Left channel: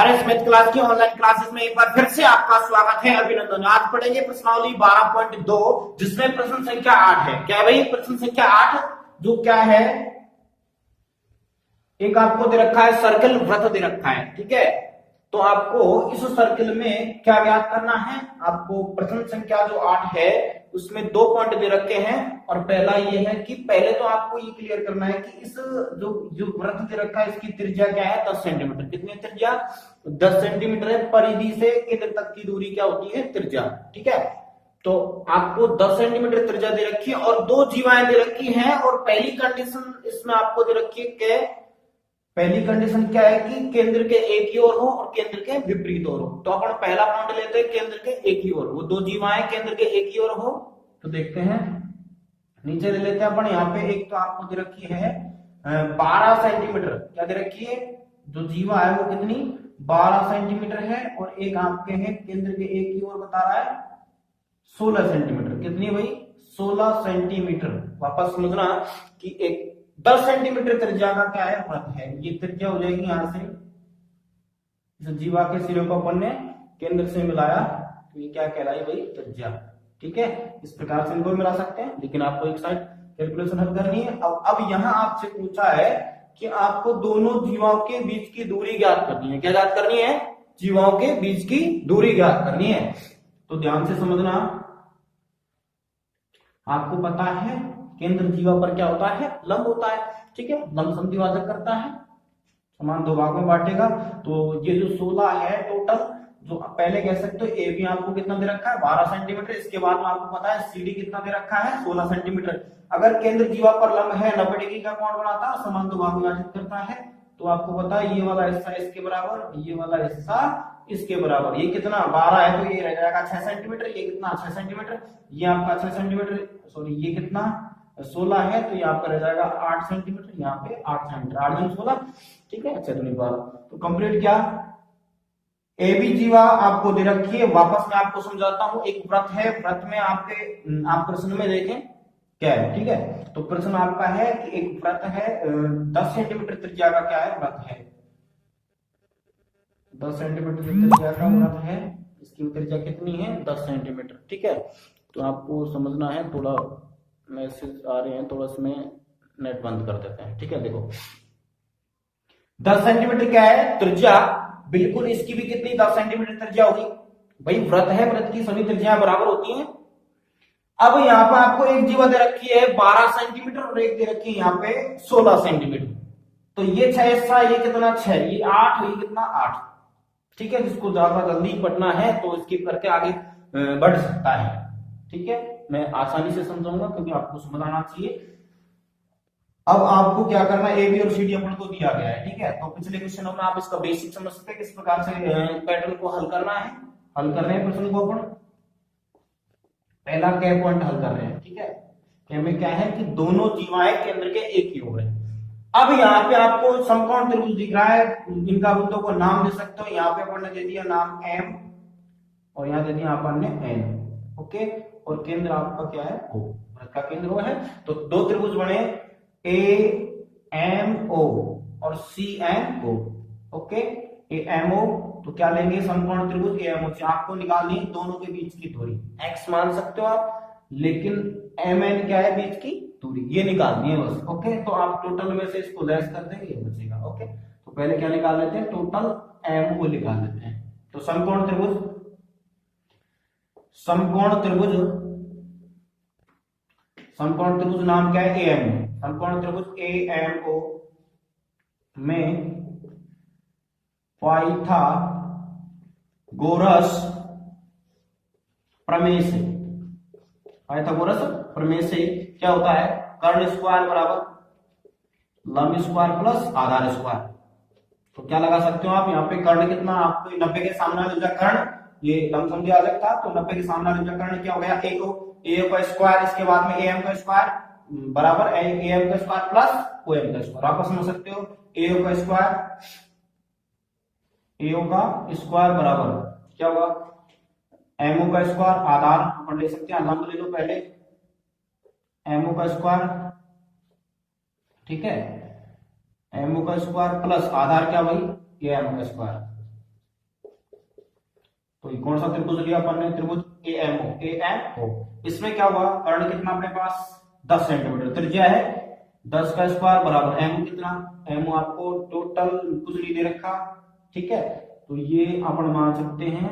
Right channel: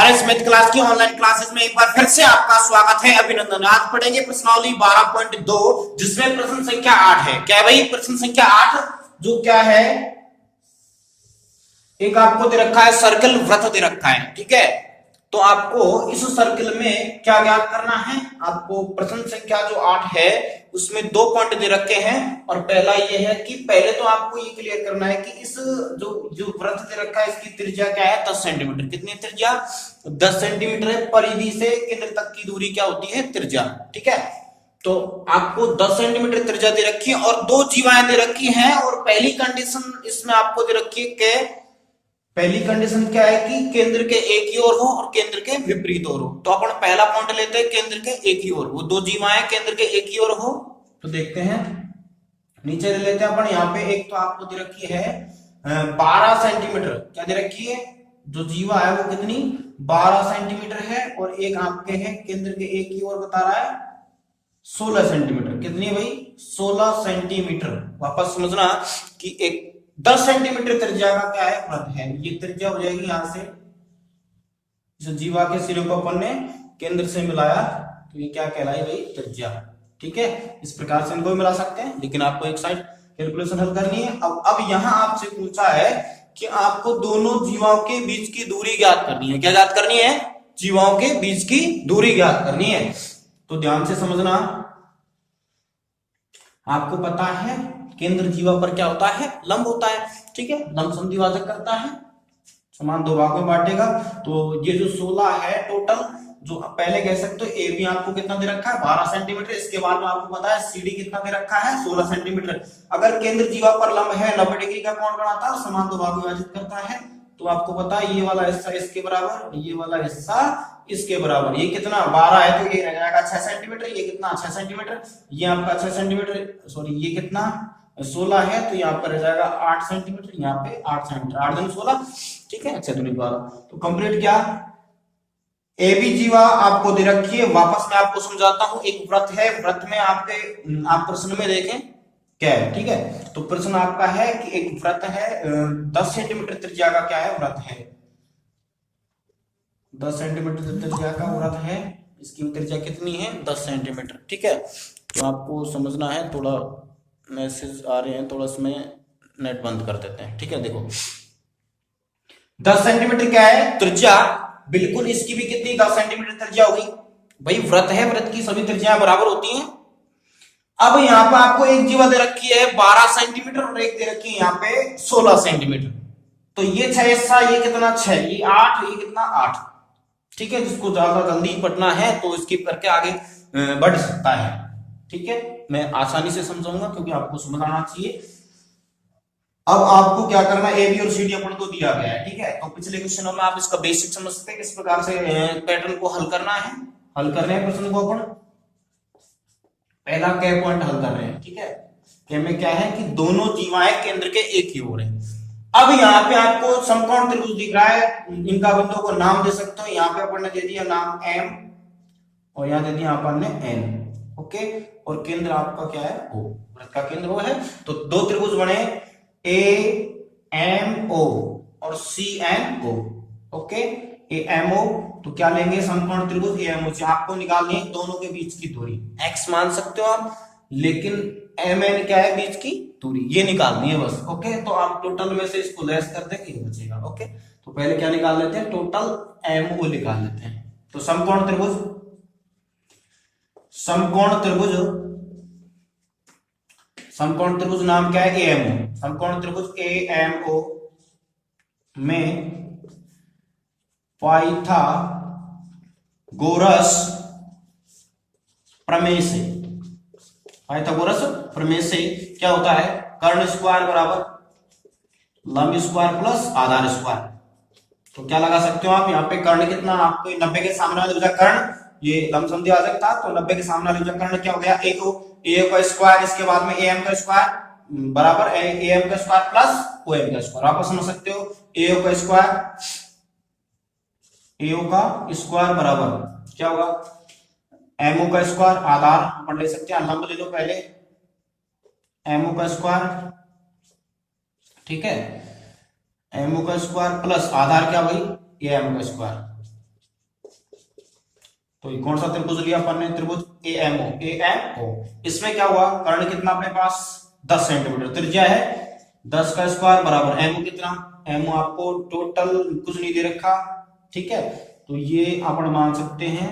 RS math class की online classes में एक बार फिर से आपका स्वागत है, अभिनंदन। आज पढ़ेंगे प्रश्नावली 12.2 जिसमें प्रश्न संख्या 8 है। क्या भाई? प्रश्न संख्या 8 जो क्या है, एक आपको दे रखा है सर्कल, वृत्त दे रखा है, ठीक है। तो आपको इस सर्कल में क्या ज्ञात करना है? आपको प्रश्न संख्या जो 8 है उसमें 2 पॉइंट दे रखे हैं और पहला ये है कि पहले तो आपको ये क्लियर करना है कि इस जो जो वृत्त दे रखा है इसकी त्रिज्या क्या है? 10 सेंटीमीटर। कितनी त्रिज्या? 10 सेंटीमीटर है। परिधि से केंद्र तक की दूरी क्या होती है? त्रिज्या, ठीक है। तो आपको 10 सेंटीमीटर त्रिज्या दे रखी है और 2 जीवाएं दे रखी हैं और पहली कंडीशन इसमें आपको दे रखी है कि पहली कंडीशन क्या है कि केंद्र के एक ही ओर हो और केंद्र के विपरीत ओर हो। तो अपन पहला पॉइंट लेते हैं, केंद्र के एक ही ओर, वो 2 जीवाएं केंद्र के एक ही ओर हो। तो देखते हैं, नीचे ले लेते हैं अपन। यहाँ पे एक तो आपको दे रखी है 12 सेंटीमीटर। क्या दे रखी है? जो जीवा है वो कितनी? 12 सेंटीमीटर है। और एक आपके है केंद्र के एक ही ओर बता रहा है 16 सेंटीमीटर। कितनी है भाई? 16 सेंटीमीटर। वापस समझना कि एक 10 सेंटीमीटर त्रिज्या का क्या है? वृत्त है। ये त्रिज्या हो जाएगी यहां से, इस जीवा के सिरे को अपन ने केंद्र से मिलाया तो ये क्या कहलाई भाई? त्रिज्या, ठीक है। इस प्रकार से इनको मिला सकते हैं, लेकिन आपको एक साइड कैलकुलेशन हल करनी है। अब यहां आपसे पूछा है कि आपको दोनों जीवाओं के बीच की दूरी ज्ञात करनी है। क्या ज्ञात करनी है? जीवाओं के बीच की दूरी ज्ञात करनी है। तो ध्यान से समझना, आपको पता है केंद्र जीवा पर क्या होता है? लंब होता है, ठीक है। लंब समद्विभाजक करता है, समान 2 भागों में बांटेगा। तो ये जो 16 है टोटल, जो पहले कह सकते हो ए भी आपको कितना दे रखा है? 12 सेंटीमीटर। इसके बाद में आपको पता है सी डी कितना दे रखा है? 16 सेंटीमीटर। अगर केंद्र जीवा पर लंब है, 90 डिग्री का कोण बनाता है और समान 2 भागों में विभाजित करता है, तो आपको पता है ये वाला हिस्सा इसके बराबर, ये वाला हिस्सा इसके बराबर। ये कितना? 12 है तो ये रह जाएगा 6 सेंटीमीटर। ये कितना? 6 सेंटीमीटर। ये आपका 6 सेंटीमीटर, सॉरी ये कितना? 16 है तो यहाँ पर रह जाएगा 8 सेंटीमीटर। यहाँ पे 8 सेंटीमीटर, 8 दूनी 16, ठीक है। अच्छा दूनी 12, तो कंप्लीट क्या? ए बी जीवा आपको दे रखी है। वापस मैं आपको समझाता हूं। एक वृत्त है, वृत्त में आपके आप प्रश्न में देखें क्या है, ठीक है। तो प्रश्न आपका है कि एक वृत्त है, 10 सेंटीमीटर त्रिज्या का क्या है? वृत्त है। 10 सेंटीमीटर त्रिज्या का वृत्त है। इसकी त्रिज्या कितनी है? 10 सेंटीमीटर, ठीक है। तो आपको समझना है, थोड़ा मैसेज आ रहे हैं, थोड़ा इसमें नेट बंद कर देते हैं, ठीक है। देखो 10 सेंटीमीटर क्या है? त्रिज्या। बिल्कुल इसकी भी कितनी? 10 सेंटीमीटर त्रिज्या होगी। भाई वृत्त है, वृत्त की सभी त्रिज्याएं बराबर होती हैं। अब यहाँ पे आपको एक जीवा दे रखी है 12 सेंटीमीटर और एक दे रखी है यहाँ पे 16 सेंटीमीटर। तो ये 6 हिस्सा, ये कितना? 6, ये 8, ये कितना? 8, ठीक है। जिसको ज्यादा जल्दी पढ़ना है तो स्किप करके आगे बढ़ सकता है, ठीक है। मैं आसानी से समझाऊंगा क्योंकि आपको समझ आना चाहिए। अब आपको क्या करना है? ए बी और सी डी अपन को दिया गया है, ठीक है। तो पिछले क्वेश्चनों में आप इसका बेसिक समझ सकते हैं किस प्रकार से पैटर्न को हल करना है। हल कर रहे हैं प्रश्न को अपन, पहला क्या पॉइंट हल कर रहे हैं, ठीक है। क्या में क्या है कि दोनों जीवाएं केंद्र के एक ही ओर है। अब यहाँ पे आपको समकोण त्रिभुज दिख रहा है, इनका बिंदु को नाम दे सकते हो। यहाँ पे अपन ने दे दिया नाम एम और यहाँ दे दिया अपन ने एन, ओके। और केंद्र आपका क्या है? ओ, वृत्त का केंद्र वो है। तो 2 त्रिभुज बने ए एम ओ और C N O, okay. A M O, तो क्या लेंगे? समकोण त्रिभुज ए एम ओ से आपको निकालनी है दोनों के बीच की दूरी। एक्स मान सकते हो आप, लेकिन एम एन क्या है? बीच की दूरी, ये निकालनी है बस, ओके। तो आप टोटल में से इसको लेस कर देंगे, ये बचेगा, ओके। तो पहले क्या निकाल लेते हैं? टोटल एम ओ निकाल लेते हैं। तो समकोण त्रिभुज, समकोण त्रिभुज, समकोण त्रिभुज नाम क्या है? A M O. समकोण त्रिभुज ए एम ओ में पाइथागोरस प्रमेय से, पाइथागोरस प्रमेय से क्या होता है? कर्ण स्क्वायर बराबर लंब स्क्वायर प्लस आधार स्क्वायर। तो क्या लगा सकते हो आप यहाँ पे? कर्ण कितना? आपको 90 के सामने वाला कर्ण, ये लंब समद्विभाजक था तो 90 के सामने वाला कर्ण क्या हो गया? ए ओ, ए का स्क्वायर, इसके बाद में ए एम का स्क्वायर बराबर ए एम का स्क्वायर प्लस ओ एम का स्क्वायर। आप समझ सकते हो ए ओ का स्क्वायर, ए ओ का स्क्वायर बराबर क्या होगा? एम ओ का स्क्वायर। आधार अपन ले सकते हैं, लंब ले लो पहले, एम ओ का स्क्वायर, ठीक है। एम ओ का स्क्वायर प्लस आधार क्या भाई? ए एम का स्क्वायर, तो कौन सा त्रिभुज लिया अपन ने, त्रिभुज एएमओ। इसमें क्या हुआ, कर्ण कितना अपने पास 10 सेंटीमीटर, त्रिज्या है 10 का स्क्वायर बराबर एमओ कितना, एमओ आपको टोटल कुछ नहीं दे रखा, ठीक है, तो ये अपन मान सकते हैं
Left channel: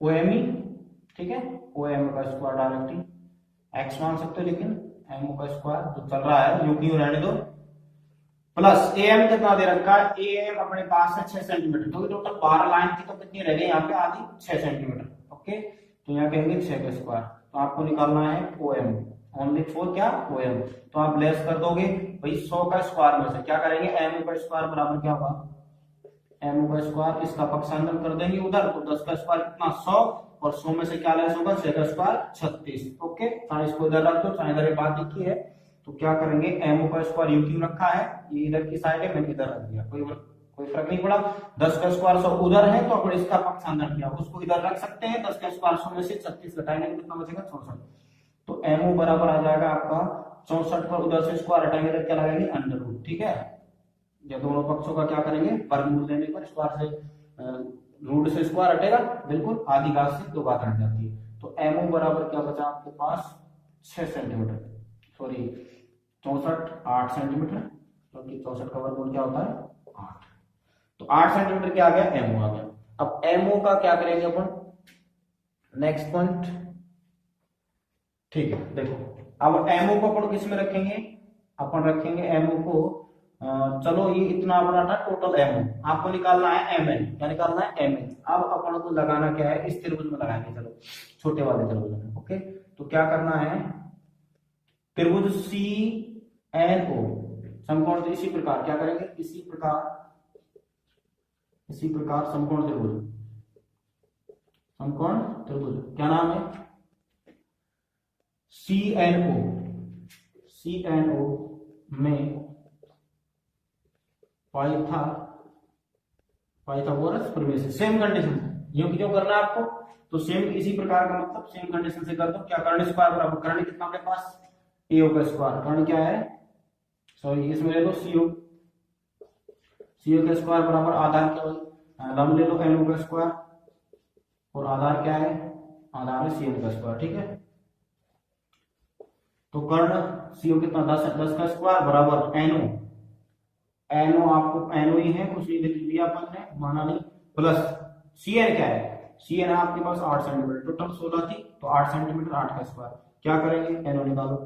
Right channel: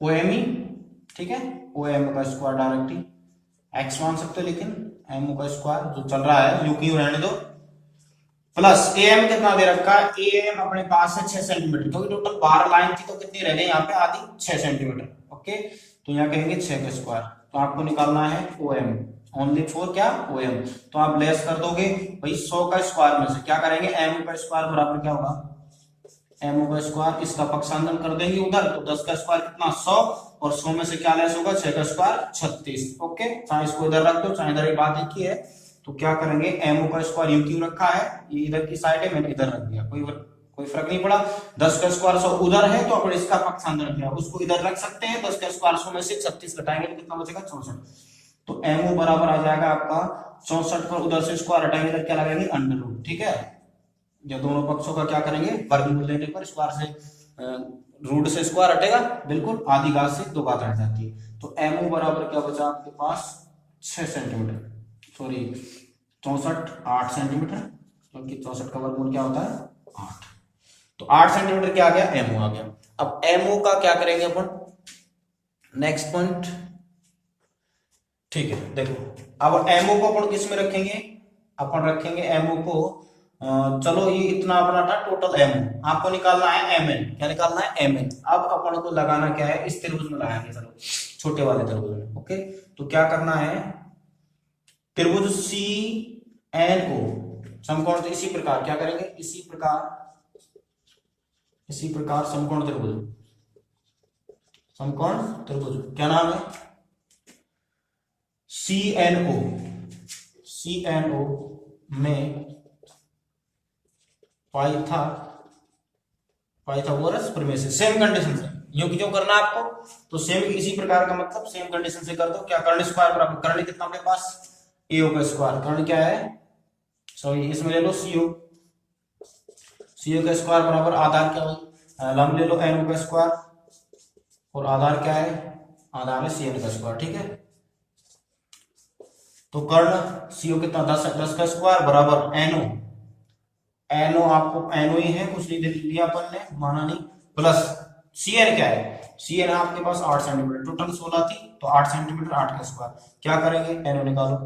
ओएमई, ठीक है, ओएम का स्क्वायर डायरेक्टली, एक्स मान सकते हो लेकिन एमओ का स्क्वायर जो चल रहा है यूं क्यों रहने दो, प्लस एएम कितना दे रखा है, एएम अपने पास है 6 सेंटीमीटर, क्योंकि टोटल 12 लाइन थी तो कितनी रह गई यहाँ पे आधी 6 सेंटीमीटर, ओके, तो यहाँ कहेंगे 6 का स्क्वायर, तो आपको निकालना है ओएम, ओनली फॉर क्या, ओएम, तो आप लेस कर दोगे भाई 100 का स्क्वायर में से क्या करेंगे, एमओ का स्क्वायर बराबर क्या होगा, एमओ का स्क्वायर, इसका पक्षांतर कर देंगे उधर, तो 10 का स्क्वायर कितना 100, और 100 में से क्या लेस होगा, 6 का स्क्वायर 36, ओके, चाहे इसको इधर रख दो चाहे इधर, बात एक ही है, तो क्या करेंगे, एमओ का स्क्वायर यूं क्यों रखा है, ये इधर की साइड है मैंने इधर रख दिया, कोई फर्क नहीं पड़ा, 10 का स्क्वायर 100 उधर है तो अपन इसका पक्षांतर किया, उसको इधर रख सकते हैं, 10 का स्क्वायर 100 में से 36 घटाएंगे तो कितना बचेगा 64, तो एमओ बराबर आ जाएगा आपका 64 पर उधर से स्क्वायर हटाएंगे तो क्या लगाएंगे अंडर रूट, ठीक है, या दोनों पक्षों का क्या करेंगे वर्गमूल लेने पर स्क्वायर से रूट से स्क्वायर हटेगा, बिल्कुल आधी घात से दो घात हट जाती है, तो एमओ बराबर क्या बचा आपके पास 6 सेंटीमीटर, सॉरी 64 8 सेंटीमीटर, क्योंकि 64 का वर्गमूल क्या होता है 8, तो 8 सेंटीमीटर क्या आ गया, एमओ आ गया। अब एमओ का क्या करेंगे अपन, नेक्स्ट पॉइंट, ठीक है, देखो अब एमओ को अपन किस में रखेंगे, अपन रखेंगे एमओ को चलो ये इतना अपना था टोटल एमओ, आपको निकालना है एमएन, क्या निकालना है एमएन, अब अपन को लगाना क्या है, इस त्रिभुज में लगाएंगे, चलो छोटे वाले त्रिभुज में, ओके, तो क्या करना है, त्रिभुज सी एन ओ समकोण, तो इसी प्रकार क्या करेंगे, इसी प्रकार समकोण त्रिभुज क्या नाम है, सी एन ओ में पाइथागोरस प्रमेय से, सेम कंडीशन से, यूं क्यों करना है आपको, तो सेम इसी प्रकार का मतलब सेम कंडीशन से कर दो, क्या कर्ण स्क्वायर बराबर, कर्ण कितना आपके पास एओ का स्क्वायर, कर्ण क्या है, सॉरी इसमें ले लो सीओ का स्क्वायर बराबर आधार क्या है, लंब ले लो एनओ का स्क्वायर, और आधार क्या है, आधार है सीएन का स्क्वायर, ठीक है, तो कर्ण सीओ कितना 10 का स्क्वायर बराबर एनओ आपको एनओ ही है, कुछ नहीं लिया अपन ने, माना नहीं, प्लस सीएन क्या है, सीएन आपके पास 8 सेंटीमीटर, टोटल 16 थी तो 8 सेंटीमीटर 8 का स्क्वायर, क्या करेंगे एनओ निकालो,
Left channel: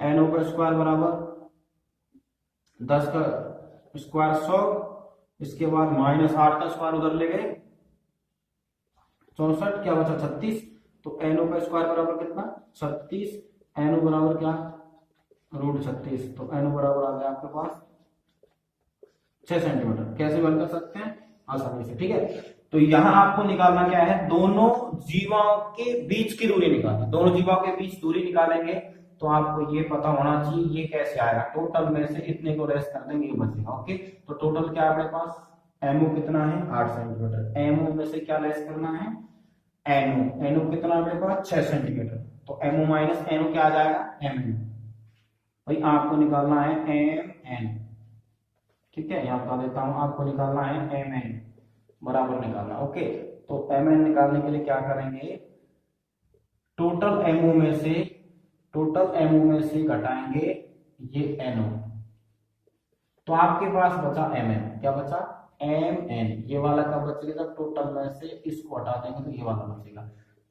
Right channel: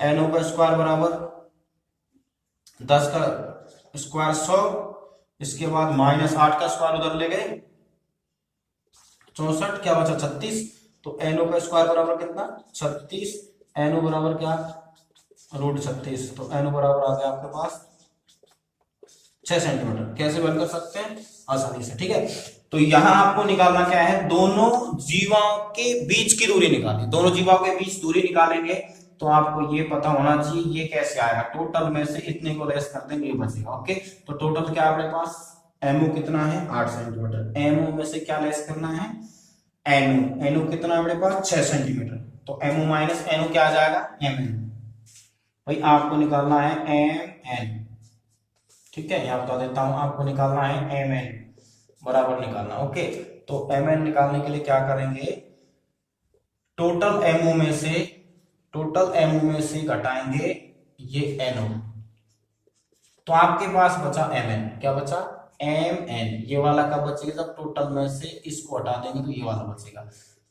एनओ का स्क्वायर बराबर 10 का स्क्वायर 100, इसके बाद माइनस 8 का स्क्वायर उधर ले गए 64, क्या बचा 36, तो एनओ का स्क्वायर बराबर कितना 36, एनओ बराबर क्या रूट 36, तो एनओ बराबर आ गया आपके पास 6 सेंटीमीटर, कैसे बन कर सकते हैं आसानी से, ठीक है, तो यहां आपको निकालना क्या है, दोनों जीवाओं के बीच की दूरी निकालनी, दोनों जीवाओं के बीच दूरी निकालेंगे तो आपको ये पता होना चाहिए ये कैसे आएगा, टोटल में से इतने को लेस कर देंगे ये बचेगा, ओके, तो टोटल क्या अपने पास एमओ कितना है 8 सेंटीमीटर, एमओ में से क्या लेस करना है एनओ कितना अपने पास 6 सेंटीमीटर, तो एमओ माइनस एनओ क्या आ जाएगा एमएन, भाई आपको निकालना है एम एन, ठीक है, यहां बता देता हूं आपको निकालना है एम एन बराबर निकालना, ओके, तो एम एन निकालने के लिए क्या करेंगे, टोटल एमओ में से घटाएंगे ये एनओ, तो आपके पास बचा एम एन, क्या बचा एम एन, ये वाला कब बचेगा जब टोटल में से इसको हटा देंगे तो ये वाला बचेगा,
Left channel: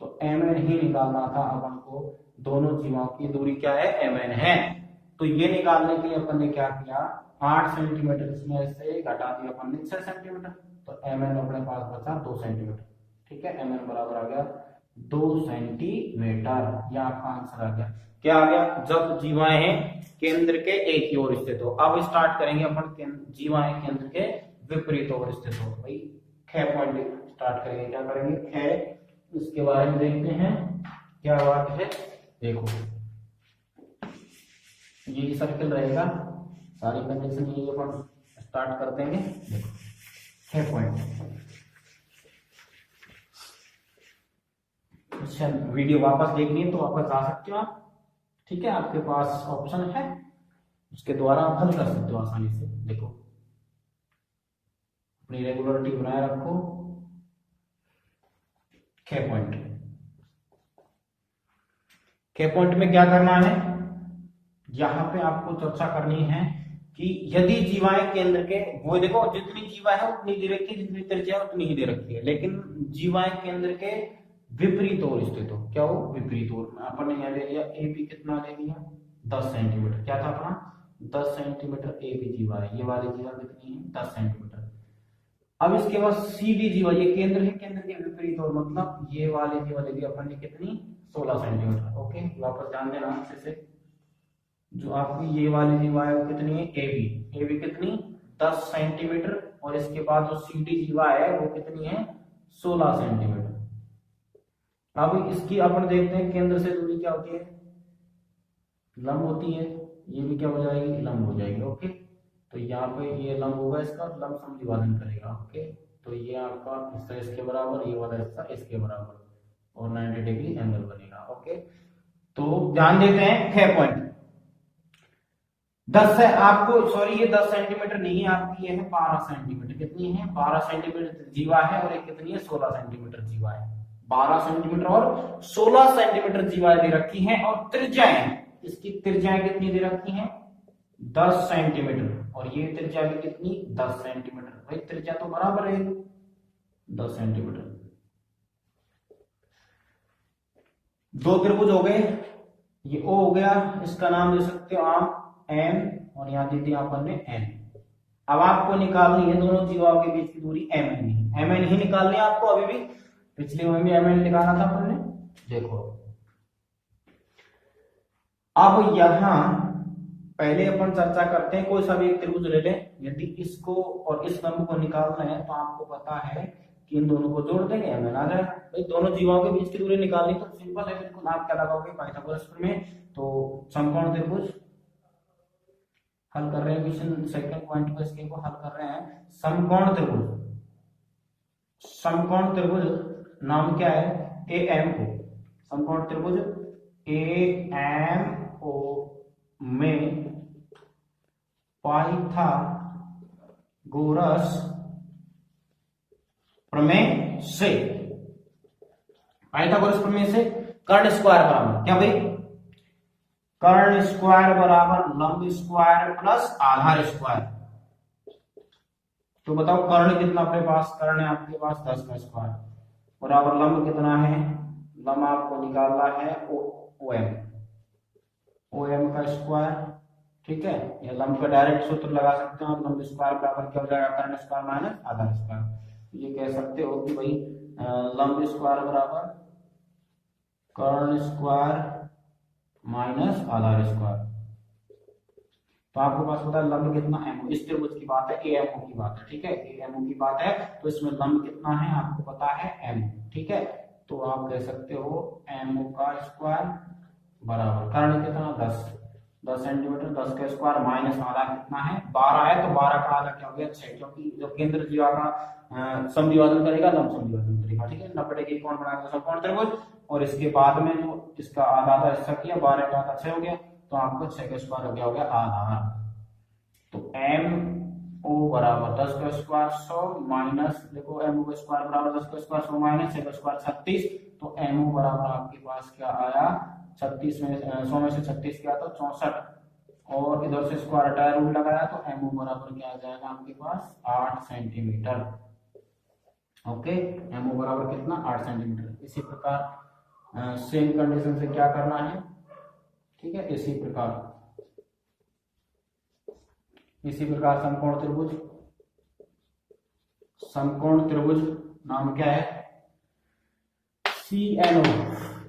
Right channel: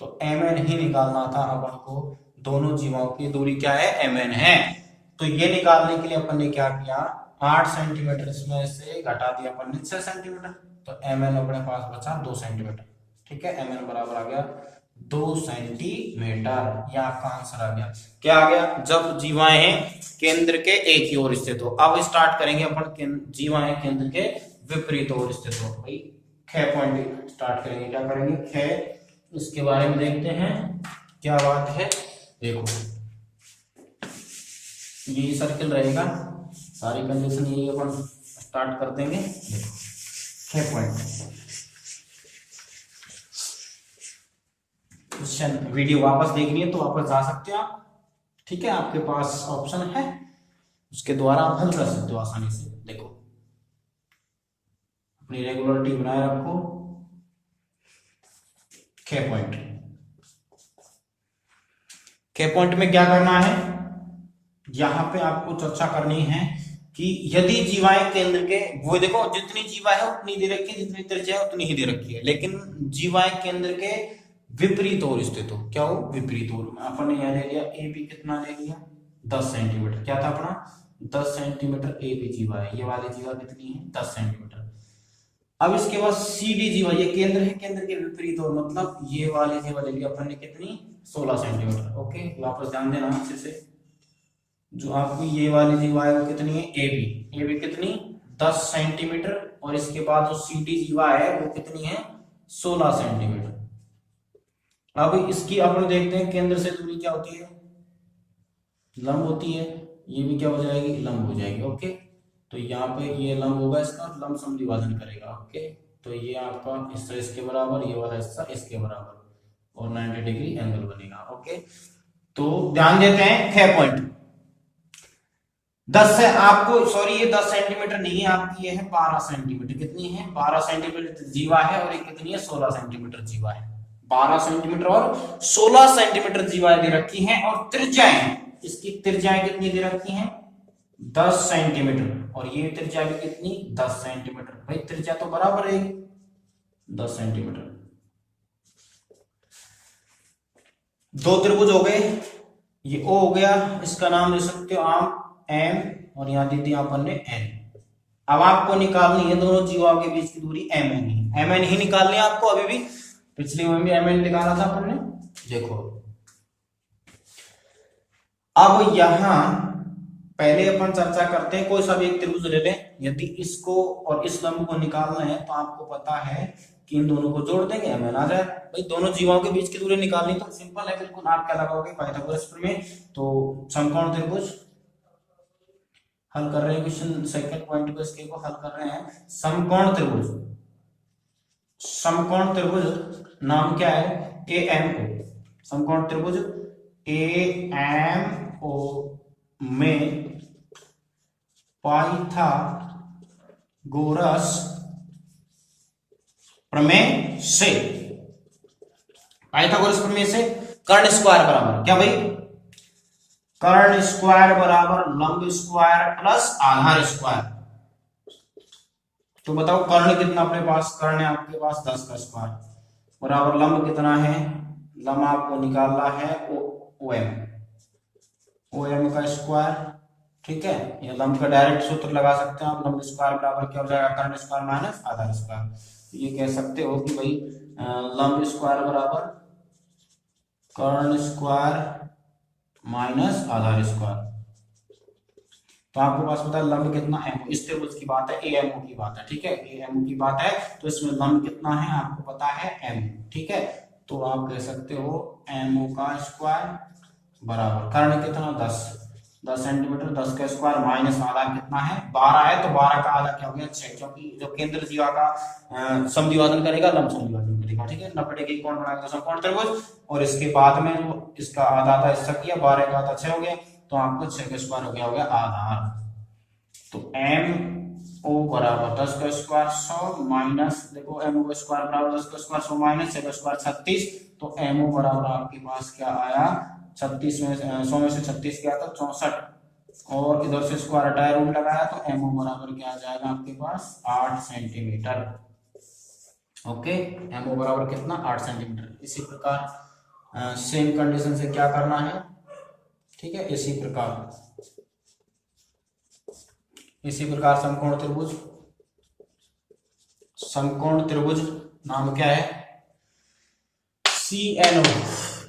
तो एम एन ही निकालना था अपन को, दोनों जीवों की दूरी क्या है एम एन है, तो ये निकालने के लिए अपन ने क्या किया 8 सेंटीमीटर इसमें से घटा दिया अपन ने 6 सेंटीमीटर, तो एम एन अपने पास बचा 2 सेंटीमीटर, ठीक है, एम एन बराबर आ गया 2 सेंटीमीटर, ये आपका आंसर आ गया, क्या आ गया, जब जीवाएं केंद्र के एक ही ओर स्थित हो, अब स्टार्ट करेंगे अपन जीवाएं केंद्र के विपरीत ओर स्थित हो, भाई ख पॉइंट स्टार्ट करेंगे, क्या करेंगे ख, इसके बारे में देखते हैं क्या बात है, देखो ये सर्किल रहेगा, सारी कंडीशन यही अपन स्टार्ट कर देंगे, देखो ख पॉइंट, वीडियो वापस देखनी है तो वापस जा सकते हो आप, ठीक है, आपके पास ऑप्शन है उसके द्वारा आप हल कर सकते हो आसानी से, देखो अपनी रेगुलरिटी बनाए रखो, खे पॉइंट। खे पॉइंट में क्या करना है, यहां पे आपको चर्चा करनी है कि यदि जीवाएं केंद्र के, वो देखो जितनी जीवा है उतनी दे रखी है, जितनी त्रिज्या है उतनी ही दे रखी है, लेकिन जीवाएं केंद्र के विपरीत ओर स्थित हो। क्या हो, विपरीत ओर। अपन ने यहां ले लिया ए बी, कितना ले लिया 10 सेंटीमीटर। क्या था अपना 10 सेंटीमीटर ए बी जीवा है, ये वाली जीवा कितनी है 10 सेंटीमीटर। अब इसके बाद सी डी जीवा, ये केंद्र है, केंद्र के विपरीत ओर, मतलब ये वाली जीवा ले लिया अपन ने कितनी 16 सेंटीमीटर। ओके, वापस ध्यान देना अच्छे से। जो आपको ये वाली जीवा है वो कितनी है ए बी, ए बी कितनी 10 सेंटीमीटर, और इसके बाद जो सी डी जीवा है वो कितनी है 16 सेंटीमीटर। अब इसकी अपन देखते हैं केंद्र से दूरी क्या होती है, लंब होती है, ये भी क्या हो जाएगी लंब हो जाएगी। ओके, तो यहाँ पे ये लंब होगा, इसका लंब समद्विभाजन करेगा। ओके, तो ये आपका हिस्सा इसके बराबर, ये वाला हिस्सा इसके बराबर, और 90 डिग्री एंगल बनेगा। ओके, तो ध्यान देते हैं खे पॉइंट 10 है आपको, सॉरी ये 10 सेंटीमीटर नहीं है आपकी, ये है 12 सेंटीमीटर। कितनी है 12 सेंटीमीटर जीवा है, और ये कितनी है 16 सेंटीमीटर जीवा है। 12 सेंटीमीटर और 16 सेंटीमीटर जीवाएं दे रखी हैं, और त्रिज्याएं, इसकी त्रिज्याएं कितनी दे रखी हैं 10 सेंटीमीटर, और ये त्रिज्या भी कितनी 10 सेंटीमीटर। भाई त्रिज्या तो बराबर रहेगी 10 सेंटीमीटर। दो त्रिभुज हो गए, ये ओ हो गया, इसका नाम दे सकते हो आप एम, और यहां दे दिया अपन ने एन। अब आपको निकालनी है दोनों जीवाओं के बीच की दूरी एम एन ही, एम एन ही निकालनी है आपको। अभी भी पिछले में भी एम एन निकाला था अपन ने, देखो। अब यहां पहले अपन चर्चा करते हैं, कोई सा भी एक त्रिभुज ले लें, यदि इसको और इस लंब को निकालना है तो आपको पता है कि इन दोनों को जोड़ देंगे, एम एन आ जाए। भाई दोनों जीवाओं के बीच की दूरी निकालनी तो सिंपल है बिल्कुल। आप क्या लगाओगे पाइथागोरस प्रमेय। तो समकोण त्रिभुज हल कर रहे हैं, क्वेश्चन सेकंड पॉइंट को इसके को हल कर रहे हैं। समकोण त्रिभुज, समकोण त्रिभुज नाम क्या है ए एम ओ। समकोण त्रिभुज ए एम ओ में पाइथागोरस प्रमेय से, पाइथागोरस प्रमेय से कर्ण स्क्वायर बराबर क्या भाई, कर्ण स्क्वायर बराबर लंब स्क्वायर प्लस आधार स्क्वायर। तो बताओ कर्ण कितना अपने पास, कर्ण है आपके पास 10 का स्क्वायर, बराबर लंब कितना है, लंब आपको निकालना है ओ एम का स्क्वायर। ठीक है, ये लंब का डायरेक्ट सूत्र लगा सकते हैं आप, लंब स्क्वायर बराबर क्या हो जाएगा कर्ण स्क्वायर माइनस आधार स्क्वायर। ये कह सकते हो कि भाई लंब स्क्वायर बराबर कर्ण स्क्वायर माइनस आधार स्क्वायर। तो आपको पास पता है लंब कितना एम, इस त्रिभुज की बात है, ए एम ओ की बात है। ठीक है, ए एम ओ की बात है, तो इसमें लंब कितना है आपको पता है एम। ठीक है, तो आप कह सकते हो एम ओ का स्क्वायर बराबर कर्ण कितना 10 सेंटीमीटर, 10 का स्क्वायर माइनस आधार कितना है 12 है, तो 12 का आधा क्या हो गया 6, क्योंकि जो केंद्र जीवा का समद्विभाजन करेगा लंब समद्विभाजन करेगा। ठीक है, 90 डिग्री कोण बनाएगा समकोण त्रिभुज, और इसके बाद में जो इसका आधा आधा हिस्सा किया 12 का आधा 6 हो गया, तो आपको 6 का स्क्वायर हो गया आधार। तो एम ओ बराबर 10 का स्क्वायर 100 माइनस, देखो एम ओ का स्क्वायर बराबर 10 का स्क्वायर 100 माइनस 6 का स्क्वायर 36, तो एम ओ बराबर आपके पास क्या आया 36 में 100 में से 36 क्या था 64, और इधर से स्क्वायर हटाया रूट लगाया, तो एम ओ बराबर क्या आ जाएगा आपके पास 8 सेंटीमीटर। ओके, एम ओ बराबर कितना 8 सेंटीमीटर। इसी प्रकार सेम कंडीशन से क्या करना है, ठीक है, इसी प्रकार समकोण त्रिभुज नाम क्या है सी एन ओ,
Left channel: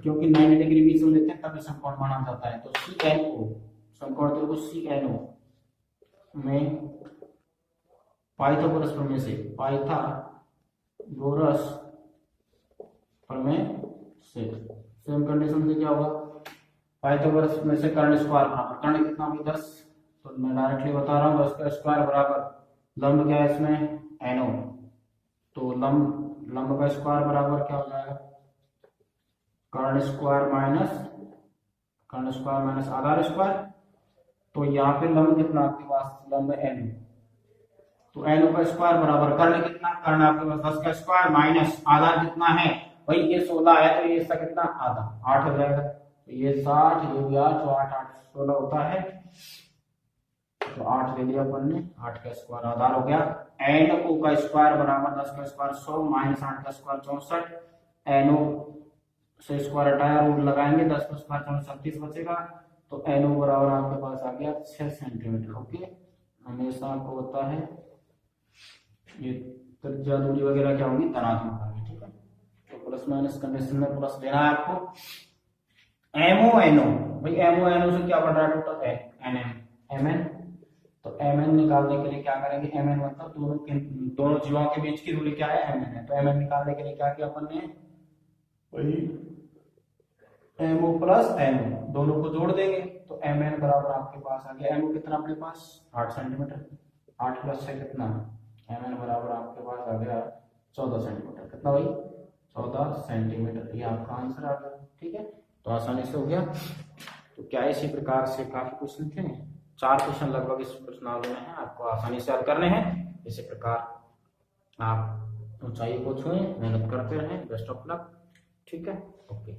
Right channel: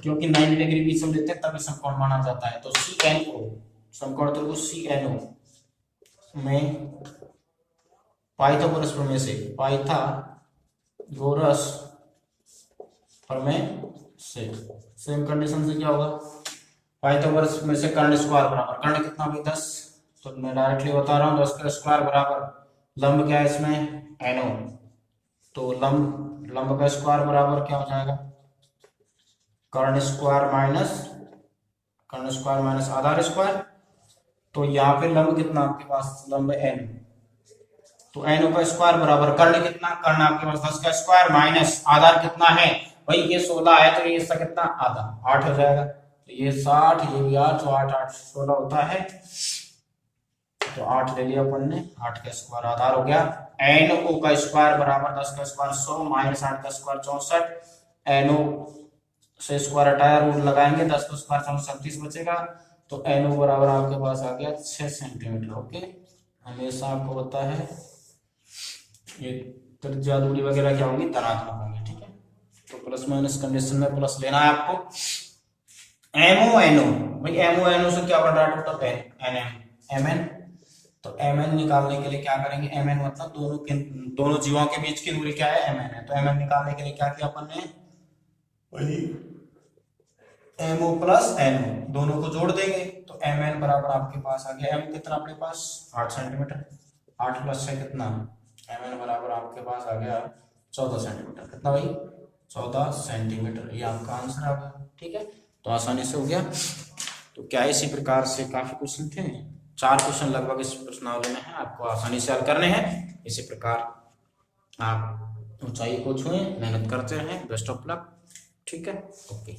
क्योंकि 90 डिग्री बीच में देते हैं तभी समकोण माना जाता है। तो सी एन ओ, समकोण त्रिभुज सी एन ओ में पाइथागोरस प्रमेय से, पाइथागोरस प्रमेय से सेम कंडीशन से क्या होगा, पाइथागोरस में से कर्ण स्क्वायर बराबर, कर्ण कितना भी 10, तो मैं डायरेक्टली बता रहा हूँ 10 का स्क्वायर बराबर लंब क्या है इसमें एनो, तो लंब का स्क्वायर बराबर क्या हो जाएगा कर्ण स्क्वायर माइनस आधार स्क्वायर। तो यहाँ पे लंब कितना आपके पास लंब एन, तो एन का स्क्वायर बराबर कर्ण कितना, कर्ण आपके पास 10 का स्क्वायर माइनस आधार कितना है भाई ये 16 है तो ये इसका कितना आधा 8 हो जाएगा, तो ये 60 ये भी 8, तो 8 8 16 होता है, तो 8 ले लिया अपन ने, 8 का स्क्वायर आधार हो गया। एन ओ का स्क्वायर बराबर 10 का स्क्वायर 100 माइनस 8 का स्क्वायर 64, एन ओ से स्क्वायर हटाया रूट लगाएंगे, 10 का स्क्वायर 37 बचेगा, तो एन ओ बराबर आपके पास आ गया 6 सेंटीमीटर। ओके, हमेशा आपको होता है ये त्रिज्या दूरी वगैरह क्या होंगी, धनात्मक होंगी, ठीक है। तो प्लस माइनस कंडीशन में प्लस लेना है आपको। एमओ एनओ, भाई एमओ एनओ से क्या बन रहा है total N M M N, तो एम एन निकालने के लिए क्या करेंगे, एम एन मतलब दोनों जीवों के बीच की दूरी क्या है, एम एन है, तो एम एन निकालने के लिए क्या किया अपन ने, वही M O plus N O दोनों को जोड़ देंगे, तो एम एन बराबर आपके पास आ गया, एम ओ कितना अपने पास 8 सेंटीमीटर, 8 प्लस 6 कितना, एम एन बराबर आपके पास आ गया 14 सेंटीमीटर, कितना भाई 14 सेंटीमीटर, ये आपका आंसर आ गया, ठीक है। तो आसानी से हो गया। तो क्या इसी प्रकार से काफी क्वेश्चन थे, 4 क्वेश्चन लगभग इस प्रश्नावली में है, आपको आसानी से हल करने हैं। इसी प्रकार आप ऊंचाई को छुएं, मेहनत करते रहें, बेस्ट ऑफ लक, ठीक है, ओके।